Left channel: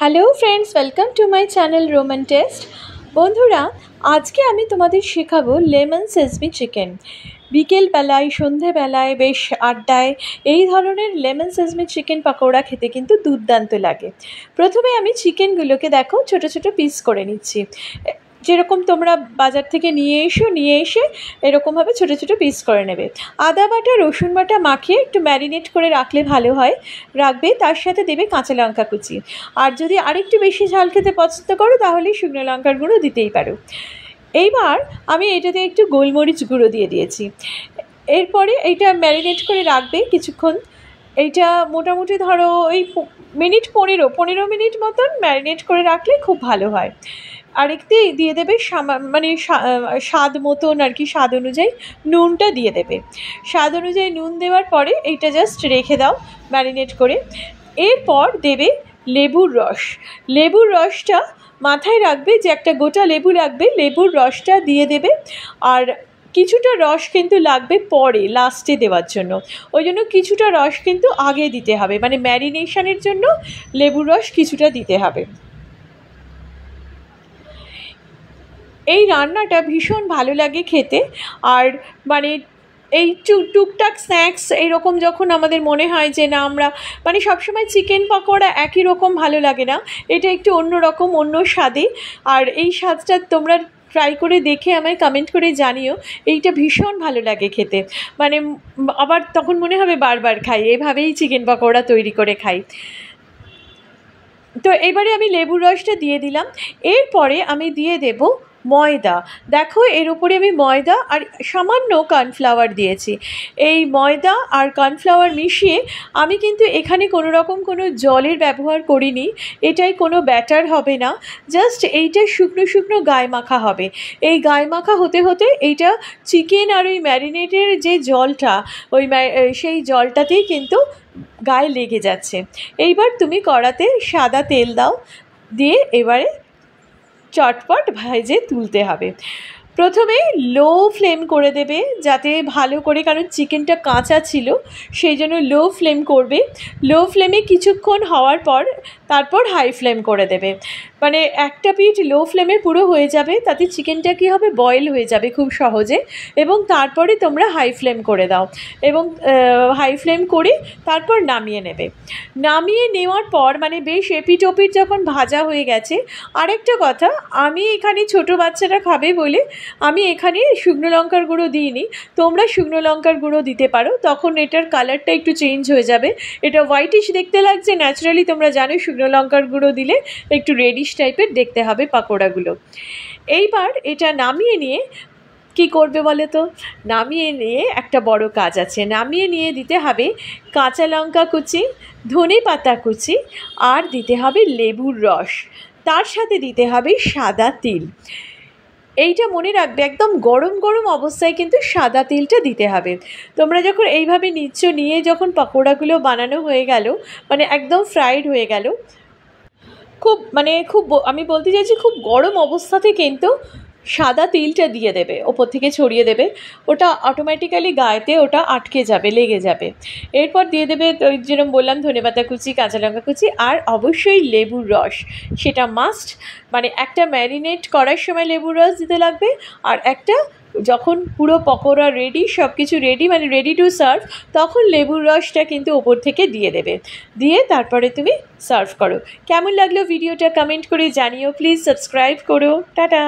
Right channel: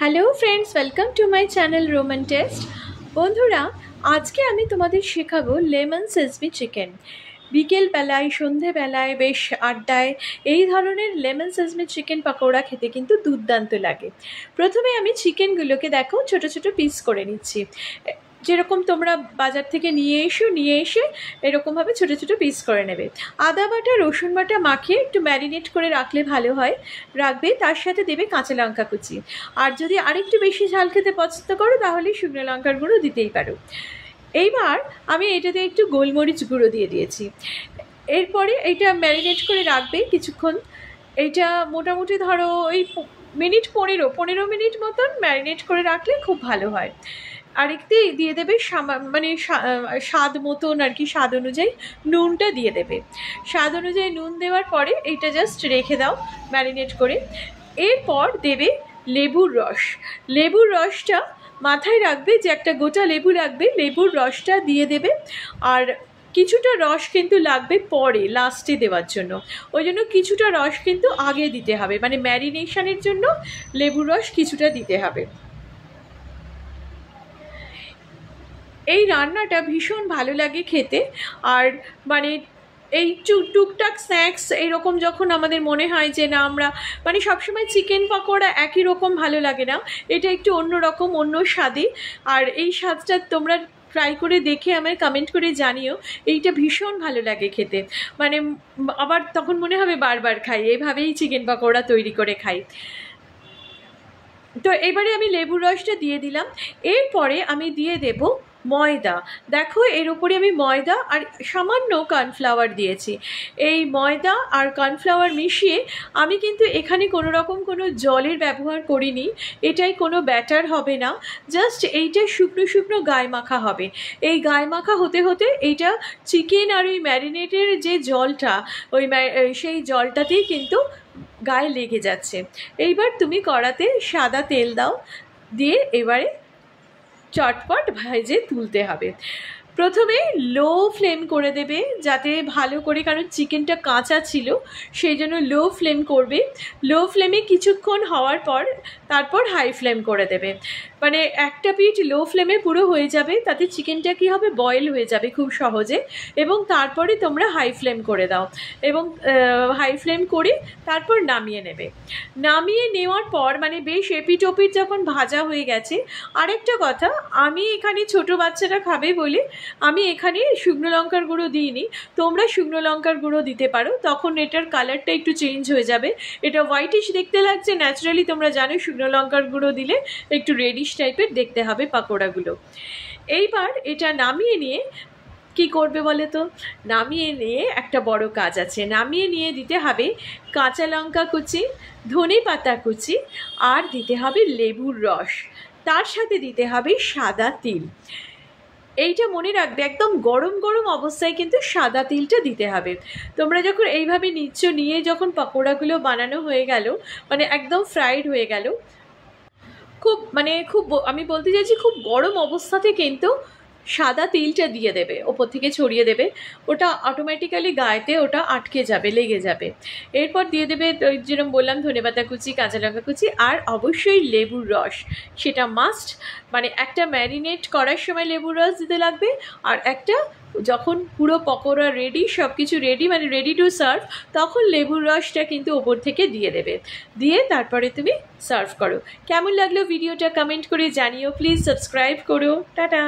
Hello friends, welcome to my channel Roman test. বন্ধুরা, আজকে আমি তোমাদের শেখাবো লেমন সেজমি চিকেন। বিকেলবেলায়, সন্ধেবেলায়, বেশ আড্ডায় এই ধরনের লেমন সেজমি চিকেন পকোড়া খেতে কিন্তু দুর্দান্ত লাগে। প্রথমে আমি চিকেনগুলোকে দেখো ছোট ছোট পিস করে নিচ্ছি, যেরকম তোমরা বাজার থেকে নিয়ে এসে এরকমভাবে ছোটো ছোটো পিস করে নেবে। আদা বাটা, রসুন বাটা মাখিয়ে একটু ম্যারিনেট করে রাখলে ভালো হয়, রাখবে। তার সাথে দেবে কাঁচা লঙ্কা কুচি, আর যদি আরেকটু বেশি ঝাল খেতে পছন্দ করো তাহলে শুকনো লঙ্কার গুঁড়ো দিতেই পারো। এইবার আমি এটাতে একটু গোলমরিচ গুঁড়ো দিয়ে দিয়েছি। এরপরে এইটা ম্যারিনেট করে রাখবে কিছুক্ষণ। এইটা মোটামুটি ধরো ওই পনেরো মিনিট মতন ম্যারিনেট করে রাখলে খুব ভালো হয়। আরেকটি দিয়ে দেবে স্বাদ মতন আর কি, স্বাদ অনুযায়ী নুনটা দিয়ে দেবে। স্বাদ অনুযায়ী নুন দেওয়ার পরে এইটা জাস্ট রেখে দাও ম্যারিনেট করে। এরপর দেবে লেবুর রস। লেবুর রসটা মাথায় রাখবে যে একটা গোটা লেবু লাগবে, লেবুর রসটা দিয়ে দেবে। আর কিছুটা রস কিন্তু লাগবে পরে লাস্টে দেওয়ার জন্য, ওই জন্য কিছুটা রস কিন্তু আগে দিতে হবে, মানে ম্যারিনেশনের জন্য লেবুর রস কিছুটা দিতে হবে। এই রান্নাটা ভীষণ ভালো লাগে খেতে। আর মানে এই টুকটাক স্ন্যাক্স এইরকম যখন আমাদের মনে হয় যে না, আমরা মানে সবসময় চিকেন পকোড়া একই রকম ভালো লাগে না, এটা একটু অন্য রকম, অন্য স্বাদে। আর এই স্বাদটা তোমরা ট্রাই করে দেখে আমায় কমেন্ট করে জানিও। এইটা ভীষণ ভালো লাগে খেতে, মানে আবার তখন মনে হবে বারবার খাই, এভাবেই চিকেন পকোড়া তৈরি করে খাই। তো এবারে আমি লেবুর রসটা দিয়ে দিলাম। এরপরে আমি দিয়ে দেব ময়দা। দেখো এর উপরে আমি ময়দা আর সামান্য কর্নফ্লাওয়ার দিয়েছি। এই ময়দা আর কর্নফ্লাওয়ার মিশিয়ে আমি কিন্তু এখানে কোনো রকম কোনো জলের ব্যবহার করিনি, এটাই কোনো ব্যাটার হবে না, জাস্ট এইটা শুকনো শুকনো গায়ে মাখা হবে। এই গায়ে মাখা হতে হতে এইটা চিকেন আর ওই ম্যারিনেটের যে জলটা, সেই জলটাতেই কিন্তু গায়ে লেগে যাচ্ছে। এইবার তুমি কড়াতে সাদা তেল দাও, দিয়ে এবারে চটপট ভেজে তুলতে হবে। প্রথমে লো ফ্লেম করে দেবে যাতে ভালো করে, কারণ চিকেনটা কাঁচা ছিল সেই জন্য লো ফ্লেম করবে। লো ফ্লেমে কিছুক্ষণ হওয়ার পর তারপর হাই ফ্লেম করে দেবে, মানে একটা পিঠ লো ফ্লেমে পুরো হয়ে যাবে, তাতে চিকেনটা কী হবে, বয়েল হয়ে যাবে খুব সহজে। এবং তারপরে তোমরা হাই ফ্লেম করে দাও, এবং হাই ফ্লেম করে তারপর নামিয়ে নেবে। নামিয়ে নেওয়ার পর মানে বেশ এপিট ওপিট যখন ভাজা হয়ে গেছে, আরেকটা কথা, আমি এখানে ছোটো বাচ্চারা খাবে বলে আমি এখানে শুকনো লঙ্কার গুঁড়ো দিইনি, তোমরা শুকনো লঙ্কার গুঁড়ো দিতে পারো, তখন এটার কালারটা একটু চেঞ্জ হয়ে যাবে। এটা হোয়াইটিশ দেখতে লাগছে, ন্যাচারালি তোমরা জানো শুকনো লঙ্কার গুঁড়ো দিলে একটু রেডিশ টাইপের দেখতে হবে পাকোড়াগুলো। এইবার এটা নামিয়ে নিয়ে কি করবে বলে তো, নামিয়ে নিয়ে একটা বড় কাজ আছে, নামিয়ে নিয়ে দিতে হবে কাঁচা লঙ্কা কুচি, ধনে পাতা কুচি, আর দিতে হবে লেবুর রস, তার সাথে দিতে হবে সাদা তিল। এইটা মনে রাখবে, একদম গরম গরম অবস্থায় কিন্তু সাদা তিলটা দিতে হবে। তোমরা যখন এইভাবে নিয়ে যখন পকোড়াগুলো বানানো হয়ে গেল, মানে একদম ফ্রাইড হয়ে গেল, খুব আমি বলতে চাইছি খুব গরম অবস্থাতে কিন্তু সাদা তিলটা দিয়ে দেবে, ওপর থেকে ছড়িয়ে দেবে, ওটা অটোমেটিক্যালি গায়েতে ওটা আটকে যাবে, লেগে যাবে। এরপর দিয়ে দেবে ওই যেরকম বললাম ধনেপাতা কুচি, কাঁচা লঙ্কা কুচি, আর অবশ্যই লেবুর রস, সেটা মাস্ট। মানে একটা ম্যারিনেট করার সময় লেবুর রস দিতে লাগবে, আর একটা যখন পুরো পকোড়া রেডি, সব কিছু রেডি, মানে রেডি টু সার্ভ, তখন লেবুর রসটা কিন্তু ওপর থেকে দিয়ে দেবে, দিয়ে তারপরে তুমি সার্ভ করো। কেমন লাগলো ভিডিওটা কমেন্ট করে জানিও, প্লিজ সাবস্ক্রাইব করো। টাটা।